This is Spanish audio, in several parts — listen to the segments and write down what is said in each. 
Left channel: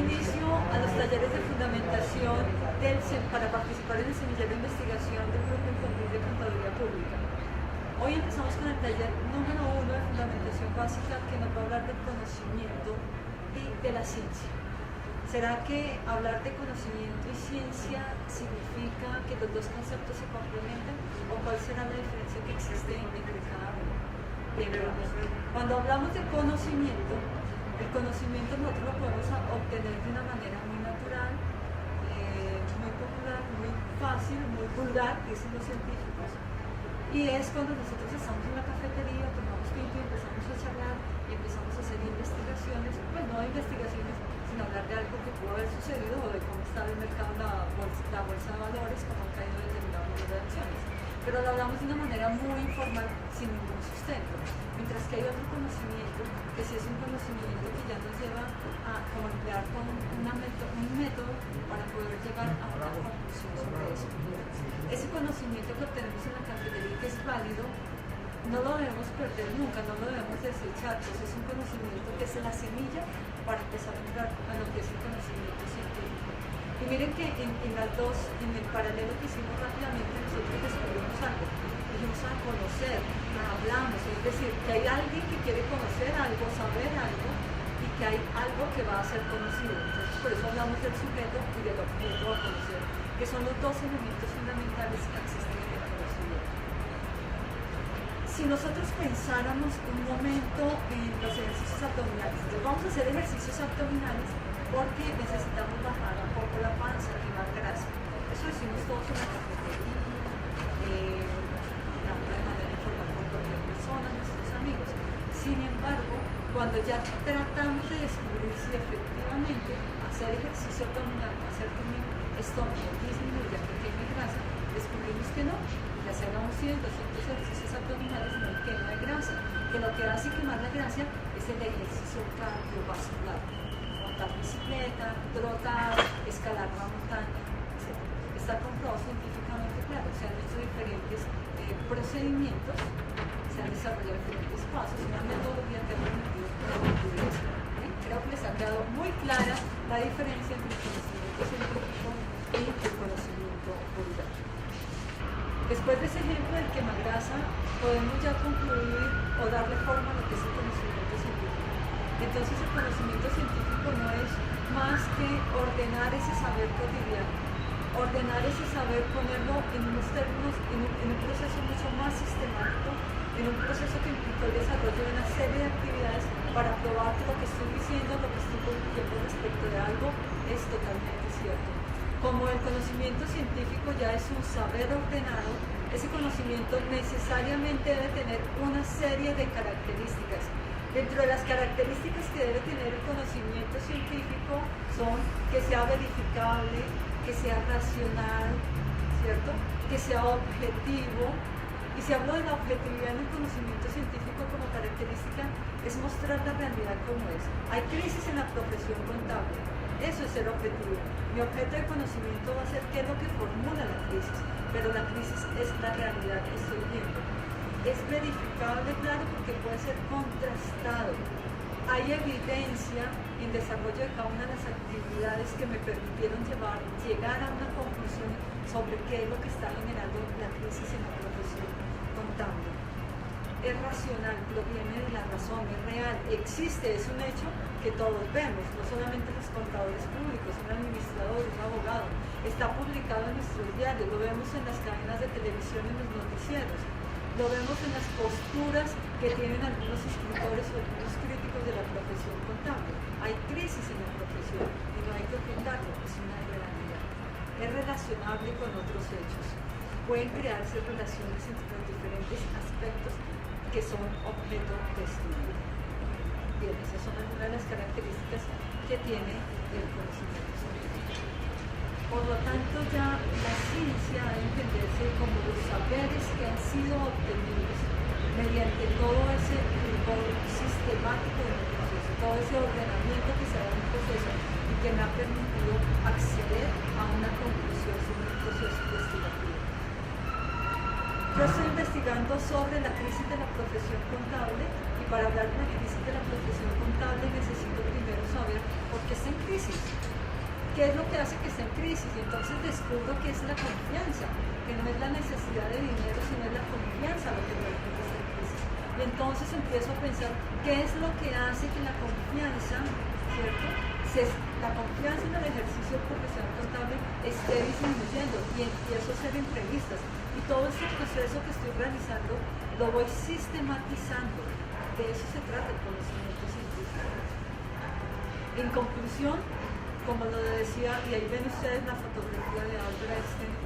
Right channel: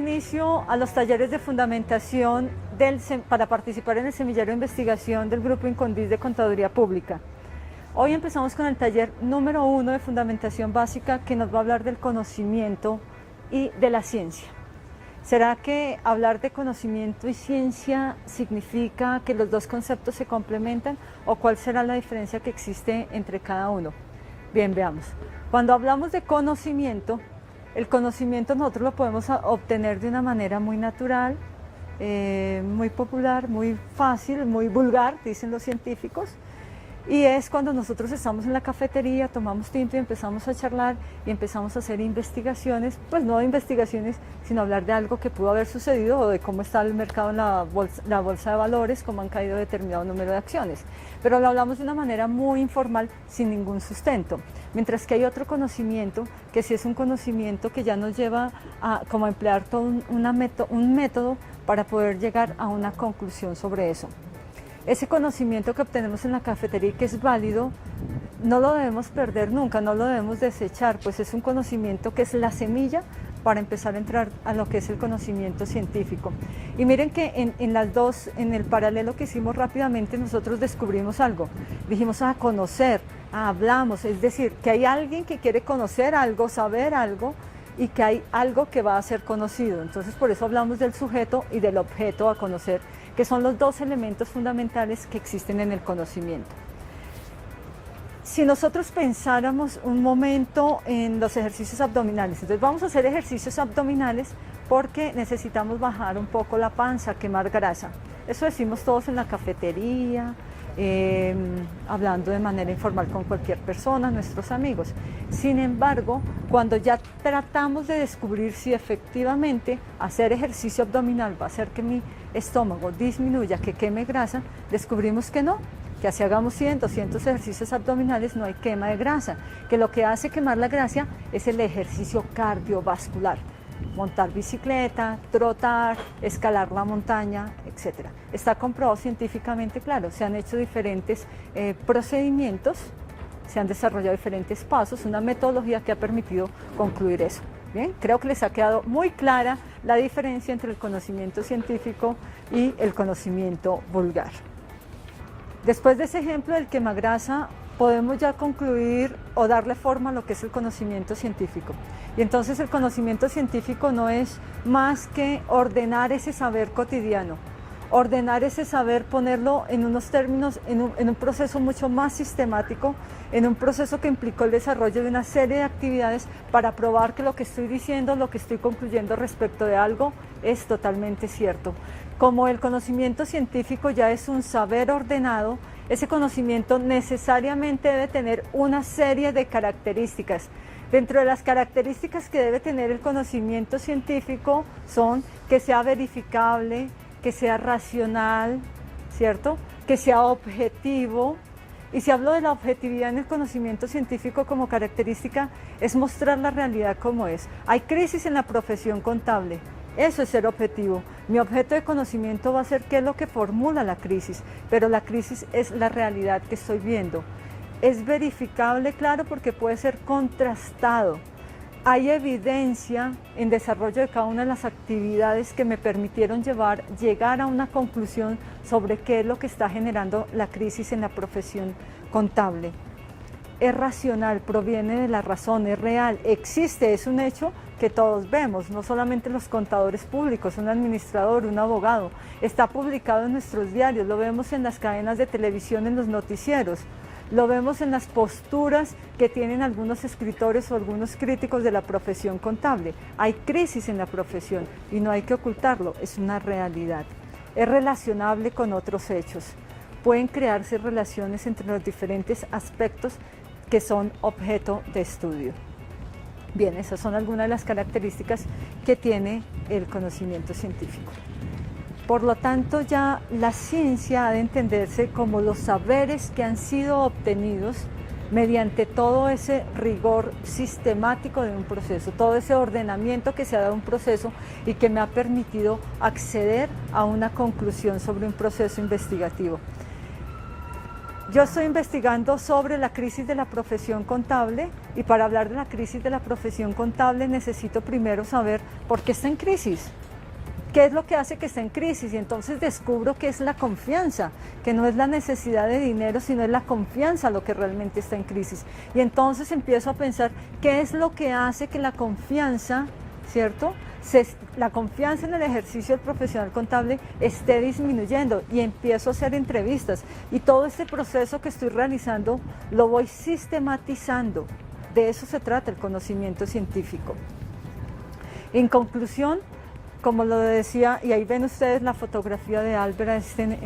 inicio a los talleres de fundamentación para participar en el semillero de investigación del Grupo Incondis de Contaduría Pública. Hoy empezamos con el taller número 1 de fundamentación básica, que nos va a hablar del conocimiento y de la ciencia. ¿Será que hablar de conocimiento y ciencia significa que los dos conceptos se complementan, o cuál será la diferencia que existe entre cada uno? Bien, veamos. Cuando hablamos de conocimiento, el conocimiento nosotros lo podemos obtener de una manera muy natural, muy popular, muy fácil, muy vulgar, dicen los científicos. Y es cuando nosotros estamos en la cafetería, tomamos tinto y empezamos a charlar y empezamos a hacer investigaciones, pues no investigaciones, sino hablar de algo que pudo haber sucedido o de cómo está el mercado en la bolsa de valores, cómo han caído determinado número de acciones. Pero lo hablamos de una manera muy informal, sin ningún sustento. Mientras que hay otro conocimiento, que sí es un conocimiento que ya nos lleva a como emplear todo un método para poder llegar a una conclusión sobre eso. Ese conocimiento que obtenemos en la cafetería y que es válido, no lo debemos perder nunca, no lo debemos desechar, pues es un conocimiento que es la semilla para empezar a entrar a lo que es el conocimiento científico. Y miren que en el paralelo que hicimos rápidamente, nosotros descubrimos algo. Dijimos conocer, hablamos, es decir, que hay alguien que quiere conocer algo, saber algo, y que hay algo que va a ser conocido. Entonces por eso hablamos del sujeto y del objeto a conocer, que son los dos elementos fundamentales que existen en el conocimiento. Si nosotros pensáramos un momento en los ejercicios abdominales, entonces vamos a hacer ejercicios abdominales porque necesitamos bajar un poco la panza, quemar grasa. Eso decimos todos en la cafetería, hablando de manera informal con cualquier persona, nuestros amigos. Sin embargo, cuando ya tratamos de descubrir si efectivamente hacer ejercicio abdominal va a hacer que mi estómago disminuya, que queme grasa, descubrimos que no, que así hagamos 100, 200 ejercicios abdominales no hay quema de grasa, que lo que hace quemar la grasa es el ejercicio cardiovascular, montar bicicleta, trotar, escalar la montaña, etc. Está comprobado científicamente, claro, se han hecho diferentes procedimientos, se han desarrollado diferentes pasos, una metodología que ha permitido concluir eso. Bien, creo que les ha quedado muy clara la diferencia entre el conocimiento científico y el conocimiento vulgar. Después de ese ejemplo del quemagrasa, podemos ya concluir o darle forma a lo que es el conocimiento científico. Y entonces el conocimiento científico no es más que ordenar ese saber cotidiano, ordenar ese saber, ponerlo en unos términos, en un proceso mucho más sistemático, en un proceso que implicó el desarrollo de una serie de actividades para probar que lo que estoy diciendo, lo que estoy concluyendo respecto de algo es totalmente cierto. Como el conocimiento científico ya es un saber ordenado, ese conocimiento necesariamente debe tener una serie de características. Dentro de las características que debe tener el conocimiento científico son que sea verificable, que sea racional, ¿cierto? Que sea objetivo. Y si hablo de la objetividad en el conocimiento científico como característica, es mostrar la realidad como es. Hay crisis en la profesión contable, eso es ser objetivo. Mi objeto de conocimiento va a ser qué es lo que formula la crisis, pero la crisis es la realidad que estoy viendo. Es verificable, claro, porque puede ser contrastado. Hay evidencia en desarrollo de cada una de las actividades que me permitieron llegar a una conclusión sobre qué es lo que está generando la crisis en la profesión contable. Es racional, proviene de la razón, es real, existe, es un hecho que todos vemos, no solamente los contadores públicos, un administrador, un abogado. Está publicado en nuestros diarios, lo vemos en las cadenas de televisión, en los noticieros. Lo vemos en las posturas que tienen algunos escritores o algunos críticos de la profesión contable. Hay crisis en la profesión y no hay que ocultarlo, es una realidad. Es relacionable con otros hechos. Pueden crearse relaciones entre los diferentes aspectos que son objeto de estudio. Bien, esas son algunas de las características que tiene el conocimiento científico. Por lo tanto, ya la ciencia ha de entenderse como los saberes que han sido obtenidos mediante todo ese rigor sistemático de un proceso, todo ese ordenamiento que se ha dado a un proceso y que me ha permitido acceder a una conclusión sobre un proceso investigativo. Yo estoy investigando sobre la crisis de la profesión contable y para hablar de la crisis de la profesión contable necesito primero saber por qué está en crisis. ¿Qué es lo que hace que esté en crisis? Y entonces descubro que es la confianza, que no es la necesidad de dinero, sino es la confianza lo que realmente está en crisis. Y entonces empiezo a pensar qué es lo que hace que la confianza, ¿cierto? La confianza en el ejercicio profesional contable esté disminuyendo y empiezo a hacer entrevistas. Y todo este proceso que estoy realizando lo voy sistematizando. De eso se trata el conocimiento científico. En conclusión, como lo decía, y ahí ven ustedes la fotografía de Albert Einstein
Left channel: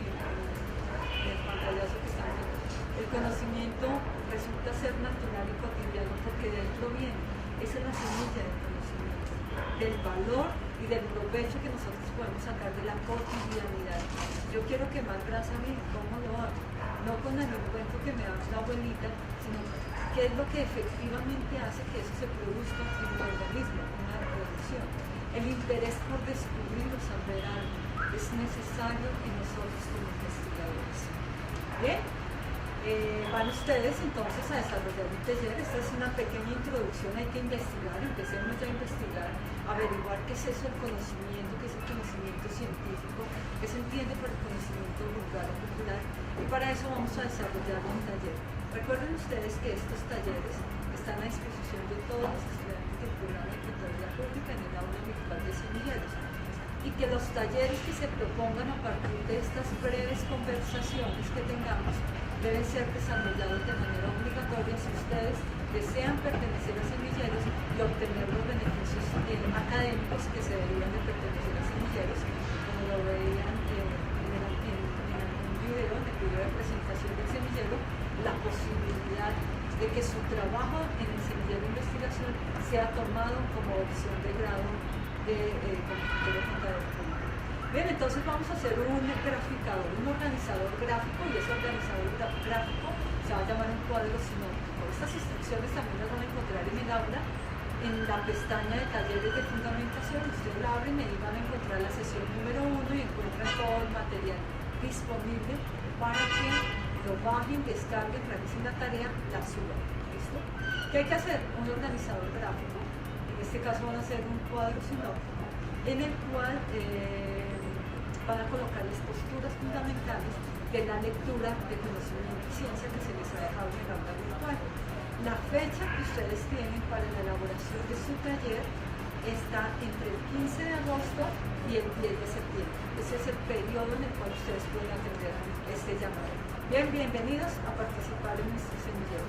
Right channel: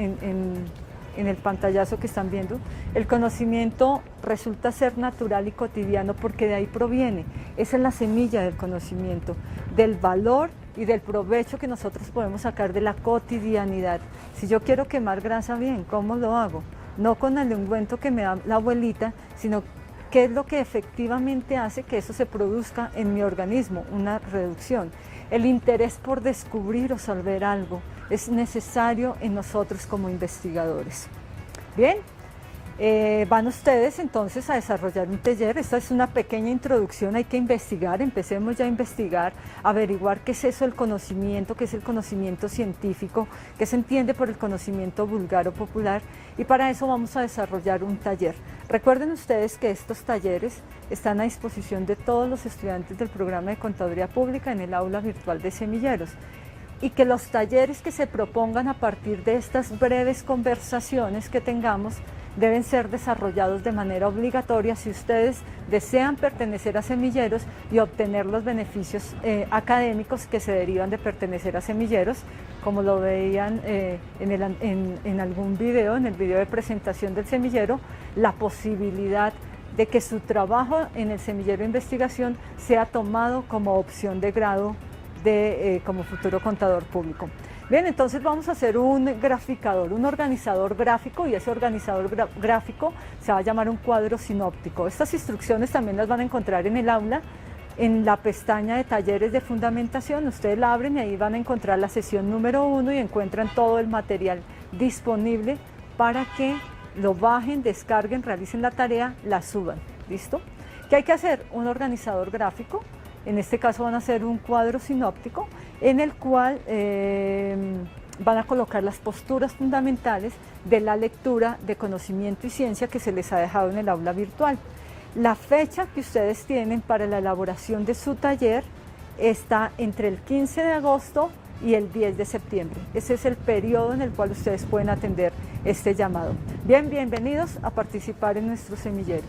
en el pantallazo que están viendo, el conocimiento resulta ser natural y cotidiano porque de ahí proviene. Esa es la semilla del conocimiento, del valor y del provecho que nosotros podemos sacar de la cotidianidad. Si yo quiero quemar grasa bien, ¿cómo lo hago? No con el ungüento que me da la abuelita, sino qué es lo que efectivamente hace que eso se produzca en mi organismo, una reducción. El interés por descubrir o saber algo es necesario en nosotros como investigadores. Bien, van ustedes entonces a desarrollar un taller. Esta es una pequeña introducción, hay que investigar, empecemos ya a investigar, averiguar qué es eso el conocimiento, qué es el conocimiento científico, qué se entiende por el conocimiento vulgar o popular, y para eso vamos a desarrollar un taller. Recuerden ustedes que estos talleres están a disposición de todos los estudiantes del programa de Contaduría Pública en el aula virtual de Semilleros, y que los talleres que se propongan a partir de estas breves conversaciones que tengamos deben ser desarrollados de manera obligatoria si ustedes desean pertenecer a Semilleros y obtener los beneficios académicos que se derivan de pertenecer a Semilleros, como lo veían en algún video, en el video de presentación del semillero, la posibilidad de que su trabajo en el semillero de investigación sea tomado como opción de grado como futuro contador público. Bien, entonces vamos a hacer un graficador, un organizador gráfico, y ese organizador gráfico se va a llamar un cuadro sinóptico. Estas instrucciones también las van a encontrar en el aula, en la pestaña de talleres de fundamentación. Ustedes la abren y ahí van a encontrar la sesión número 1 y encuentran todo el material disponible para que lo bajen, descarguen, realicen la tarea, la suban. ¿Listo? ¿Qué hay que hacer? Un organizador gráfico. En este caso van a hacer un cuadro sinóptico en el cual van a colocar las posturas fundamentales de la lectura de conocimiento y ciencia que se les ha dejado en el aula virtual. La fecha que ustedes tienen para la elaboración de su taller está entre el 15 de agosto y el 10 de septiembre. Ese es el periodo en el cual ustedes pueden atender este llamado. Bien, bienvenidos a participar en nuestro semillero.